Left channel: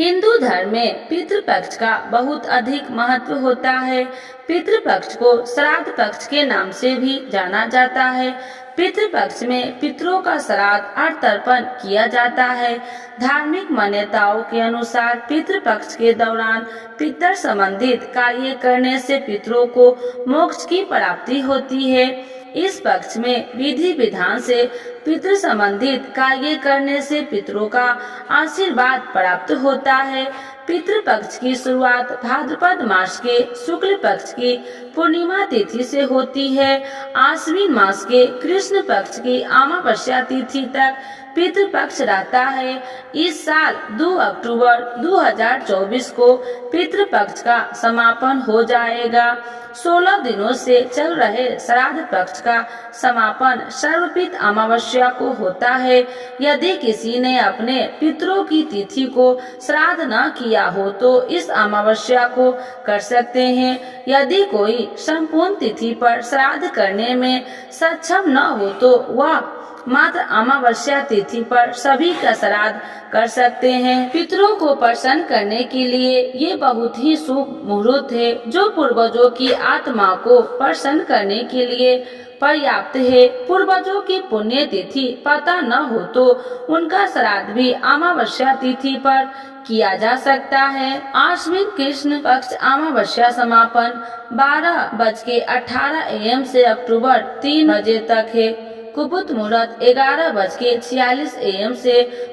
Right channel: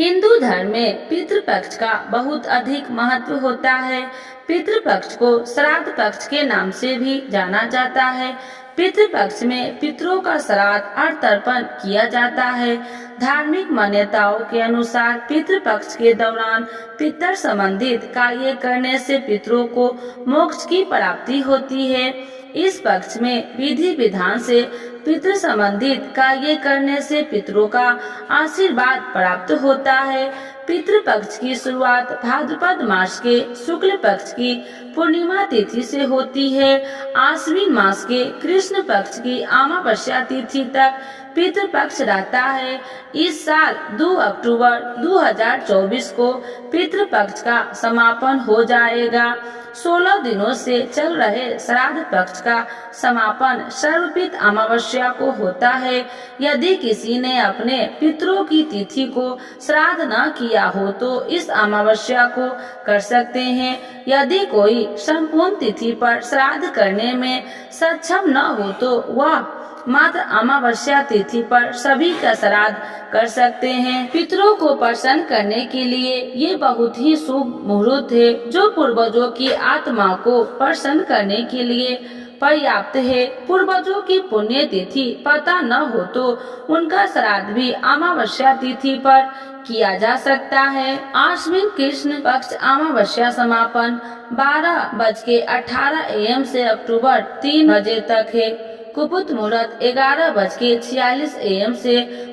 हिंदू धर्म में पितृपक्ष का बहुत अधिक महत्व होता है। पितृपक्ष को श्राद्ध पक्ष के नाम से भी जाना जाता है। पितृपक्ष में पितरों का श्राद्ध और तर्पण किया जाता है। धार्मिक मान्यताओं के अनुसार पितृपक्ष के दौरान पितर संबंधित कार्य करने से पितरों को मोक्ष की प्राप्ति होती है। इस पक्ष में विधि विधान से पितृ संबंधित कार्य करने से पितरों का आशीर्वाद प्राप्त होता है। पितृपक्ष की शुरुआत भाद्रपद मास के शुक्ल पक्ष की पूर्णिमा तिथि से होती है। आश्विन मास के कृष्ण पक्ष की अमावस्या तिथि तक पितृपक्ष रहता है। इस साल 2 अक्टूबर 2024 को पितृपक्ष का समापन हो जाएगा। 16 दिनों से चल रहे श्राद्ध पक्ष का समापन सर्वपित अमावस्या को होता है। यदि किसी ने अपने पितरों की तिथि को श्राद्ध न किया हो तो इस अमावस्या को कर सकते हैं। यदि कोई संपूर्ण तिथि पर श्राद्ध करने में सक्षम न हो तो वह मात्र अमावस्या तिथि पर सभी का श्राद्ध कर सकते हैं। पितरों को प्रसन्न करने के लिए ये बहुत ही शुभ मुहूर्त है जो पूर्वजों की आत्मा को प्रसन्न करने के लिए पर्याप्त है। पूर्वजों की पुण्य तिथि पता न हो तो उनका श्राद्ध भी अमावस्या तिथि पर किया जा सकता है। आश्विन कृष्ण पक्ष अमावस्या समापन 12:18 AM से अक्टूबर 3 बजे तक है। कुपुत मुहूर्त 11:46 AM से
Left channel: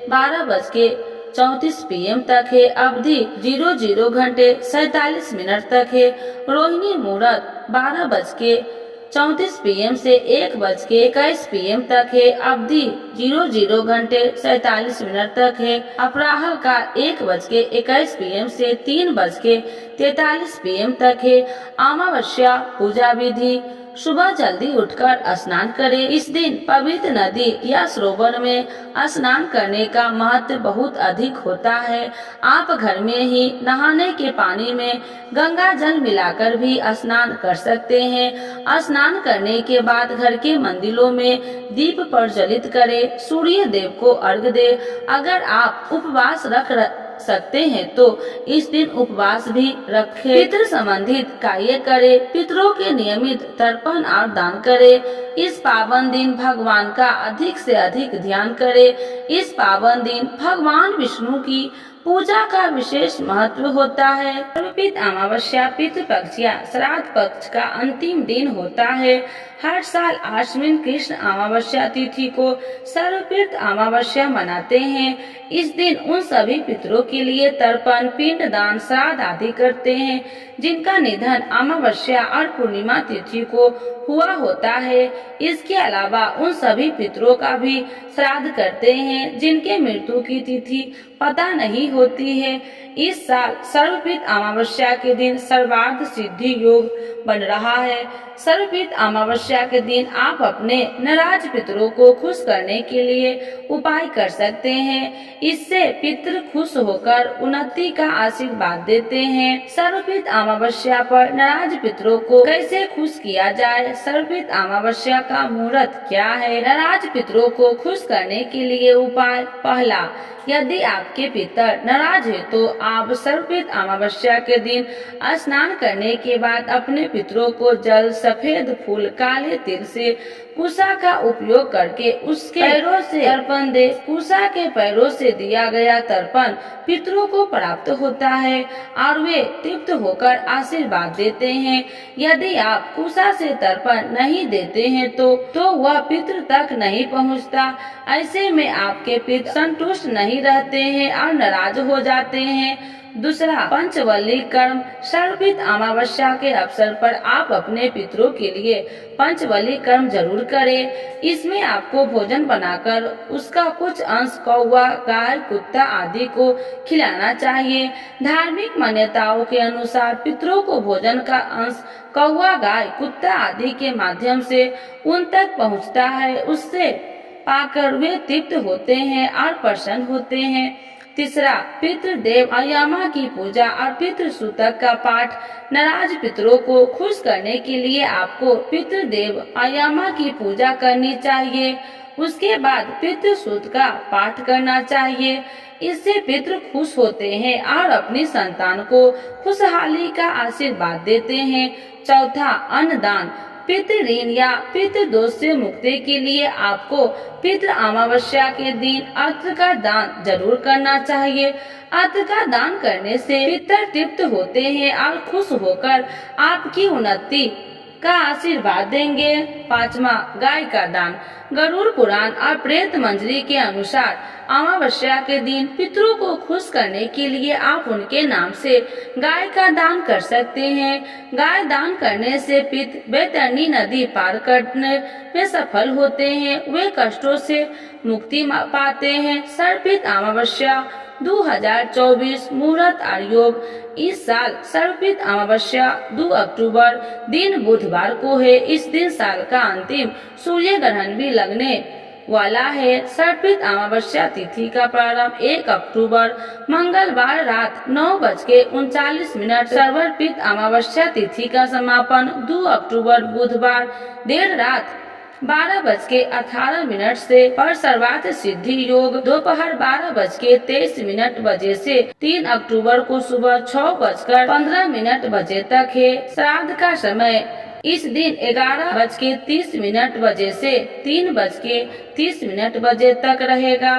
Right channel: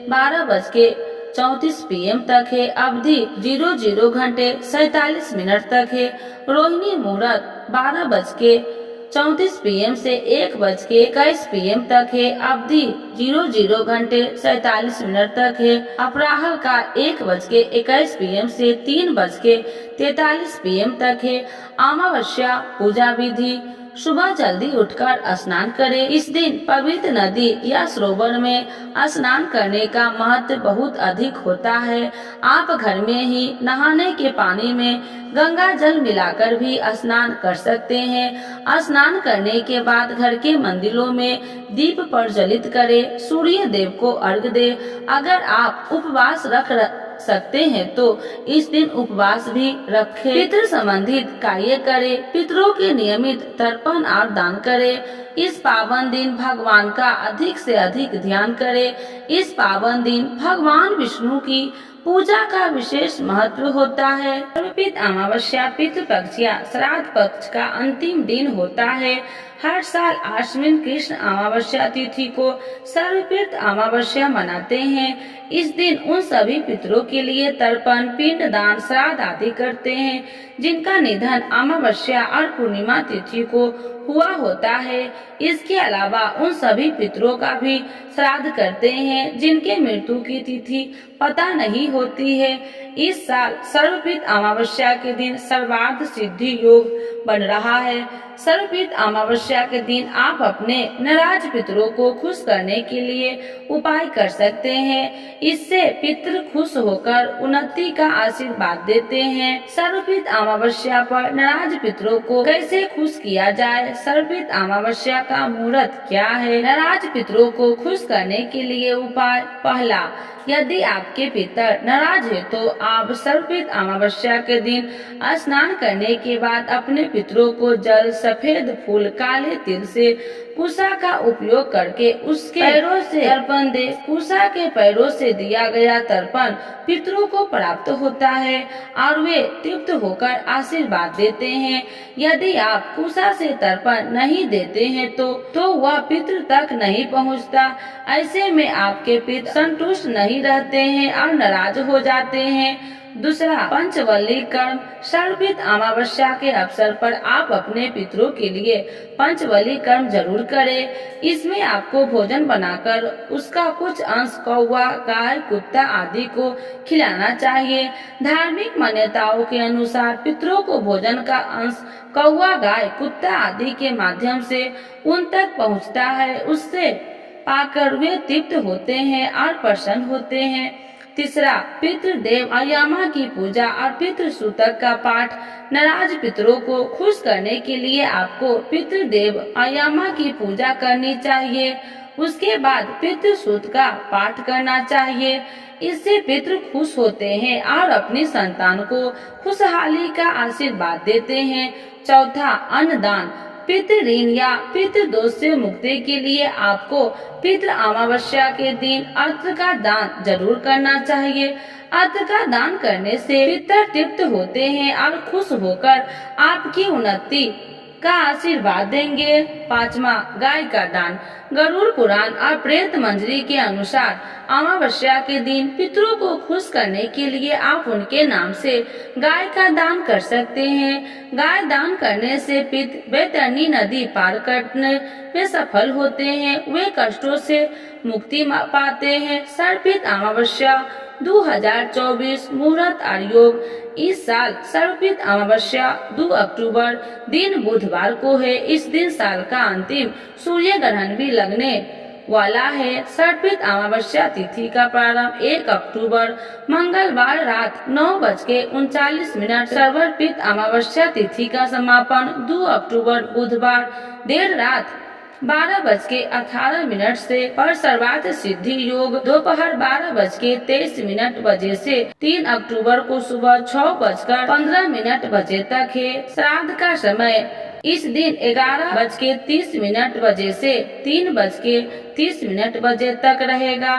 12:34 PM तक है। अवधि 00 घंटे 47 मिनट तक है। रोहिणी मुहूर्त 12:34 PM से 1:21 PM तक है। अवधि 00 घंटे 47 मिनट तक है। अपराह्न का 1:21 PM से 3:43 PM तक है। अमावस्या पूजा विधि सुबह जल्दी उठकर स्नान करें। इस दिन पवित्र नदी या सरोवर में स्नान करने का महत्व बहुत अधिक होता है। आप घर में ही नहाने के पानी में गंगा जल मिलाकर भी स्नान कर सकते हैं। स्नान करने के बाद घर के मंदिरों में दीप प्रज्वलित करें। सूर्य देव को अर्घ्य दें। अगर आप उपवास रख सकते हैं तो इस दिन उपवास भी रखें। पितृ संबंधित कार्य करें। पितरों के नियमित तर्पण और दान करें। इस पावन दिन भगवान का अधिक से अधिक ध्यान करें। इस पावन दिन भगवान विष्णु की पूजा का विशेष महत्व होता है। सर्वपित अमावस्या पितृपक्ष या श्राद्ध पक्ष का अंतिम दिन होता है। हर साल आश्विन कृष्ण अमावस्या तिथि को सर्वपित अमावस्या मनाते हैं। इस दिन उन सभी पितरों के लिए तर्पण, पिंड दान, श्राद्ध आदि करते हैं जिनका निधन अमावस्या और पूर्णिमा तिथि को हुआ होता है। इसके अलावा उन सभी पितरों का भी श्राद्ध करते हैं जिनके मृत्यु की तिथि पता नहीं होती है। इस साल सर्वपित अमावस्या के दिन सर्वार्थ सिद्धि योग बन रहा है। सर्वपित अमावस्या के दिन आप अपने नाराज पितरों को खुश करने के लिए उपाय कर सकते हैं। इससे पितृ खुश होकर उन्नति का आशीर्वाद देते हैं। सर्वपित अमावस्या पर नाराज पितरों को कैसे खुश किया जाए? सर्वपित अमावस्या का मुहूर्त क्या है? नाराज पितरों को खुश करने के लिए उपाय। पहला, यदि आपके पितर नाराज है तो आप सर्वपित अमावस्या के दिन स्नान करने के बाद अपने पितरों को जल, सफेद फूल, काले तिल से कुशा का उपयोग करके उसके पैरों से तर्पण दे। कुशा के पैरों से दिया गया तर्पण पितरों को प्राप्त होता है और वे तृप्त होकर आशीर्वाद देते हैं। यदि आप कुशा से तर्पण नहीं देते हैं तो वह पितृ तक नहीं पहुंचता। ऐसे में आपके पितृ संतुष्ट नहीं रहते हैं और नाराज हो जाते हैं। दूसरा, पंचवल्ली कर्म। सर्वपित अमावस्या के अवसर पर आप अपने पितरों के लिए पंचवल्ली कर्म जरूर करें। इसमें आपको भोजन बनाकर उसका कुछ अंश कौवा, गाय, कुत्ता आदि को खिलाना चाहिए। धार्मिक मान्यताओं के अनुसार पितरों को भोजन का अंश कौवा, गाय, कुत्ता आदि के माध्यम से उन तक पहुंचता है। उससे पाकर वे तृप्त होते हैं और प्रसन्न होते हैं। तीसरा, पितृदेव आयामा की पूजा और पितृ सूतक का पाठ। नाराज पितरों को खुश करने के लिए आपको पितृदेव आयामा की पूजा करनी चाहिए। उसके बाद पितृ सूक्त का पाठ करना चाहिए। इससे पितृ खुश होते हैं और अपनी संतान को खुशहाली का आशीर्वाद देते हैं। चौथा, अन्नदान। पितृ ऋण या पितृ दोष से मुक्ति के लिए आपको पितृ अमावस्या के दिन अन्न का दान जरूर करना चाहिए। अन्न का दान करने से पितृ तृप्त होते हैं और खुश होकर आपकी उन्नति का आशीर्वाद देंगे। पांचवा, गाय का दान। गरुड़ पुराण और प्रेत मंजरी के अनुसार अमावस्या के दिन पितरों को खुश करने के लिए आप उनके नाम से गाय का दान कर सकते हैं। गाय दान करने से पित बैतरणी नदी पार करने में सफल होते हैं, वे कष्टों से मुक्ति पाते हैं। सर्पित अमावस्या 2024 मुहूर्त और योग। इस साल सर्पित अमावस्या 2 अक्टूबर दिन बुधवार को है। इस दिन साल का अंतिम सूर्य ग्रहण भी लगने वाला है। सर्पित अमावस्या तिथि का प्रारंभ 1 अक्टूबर मंगलवार रात 9:39। सर्वपित अमावस्या तिथि का समापन 2 अक्टूबर बुधवार देर रात 12:18 से। पर सर्वार्थ सिद्धि योग दोपहर 12:23 बजे से 3 अक्टूबर को सुबह 6:15 बजे तक है। श्राद्ध का समय इस दिन 11:30 बजे से 3:30 बजे तक रहेगा।